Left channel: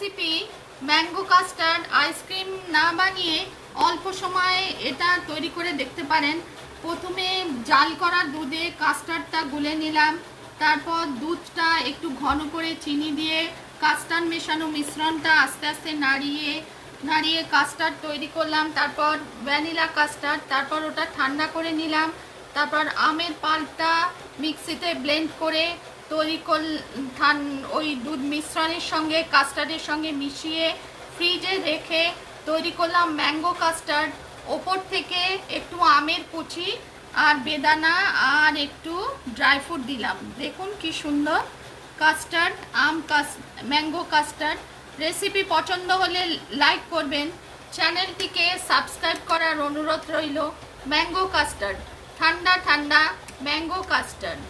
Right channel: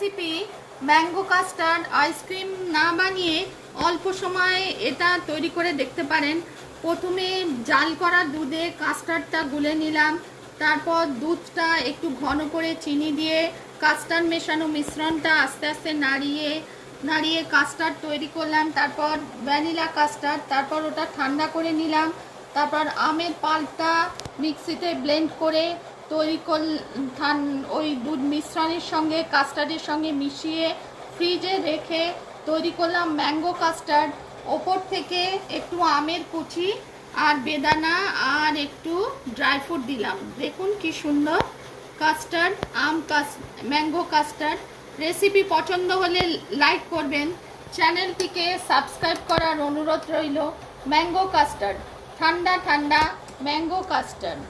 Recipe mango custard ice cream না বানিয়ে অল্প সময় এটা তৈরি করে দেখতে পারেন। প্রথমে জাল করা দুধে কাস্টার্ডটা গুলে নিলাম, তারপর দুধটা একটু ঘন করে চিনি দিয়ে কাস্টার্ড মেশানো মিশ্রণটা আস্তে আস্তে নাড়িয়ে কাস্টার্ড তৈরি করলাম। তারপর ভ্যানিলা কাস্টার্ড, তারপর ওটা ঠান্ডা করে নিলাম। তারপর আমের পাল্পটা মিক্সিতে ব্লেন্ড করে তৈরি ওই দুধ মিশ্রণের সঙ্গে কাস্টার্ডের সঙ্গে মিশিয়ে ফ্রিজে রেখে তৈরি করলাম ম্যাঙ্গো কাস্টার্ড। ওপর থেকে একটু আমের কুচি আর বেদানা আর একটু ড্রাই ফ্রুট দিলাম। দেখুন কি সুন্দর কাস্টার্ড ম্যাঙ্গো কাস্টার্ড। রেসিপি পছন্দ হলে লাইক করবেন, চ্যানেলটিকে সাবস্ক্রাইব করার অনুরোধ রইল। ম্যাঙ্গো কাস্টার্ড, ঠান্ডা ঠান্ডা ম্যাঙ্গো কাস্টার্ড।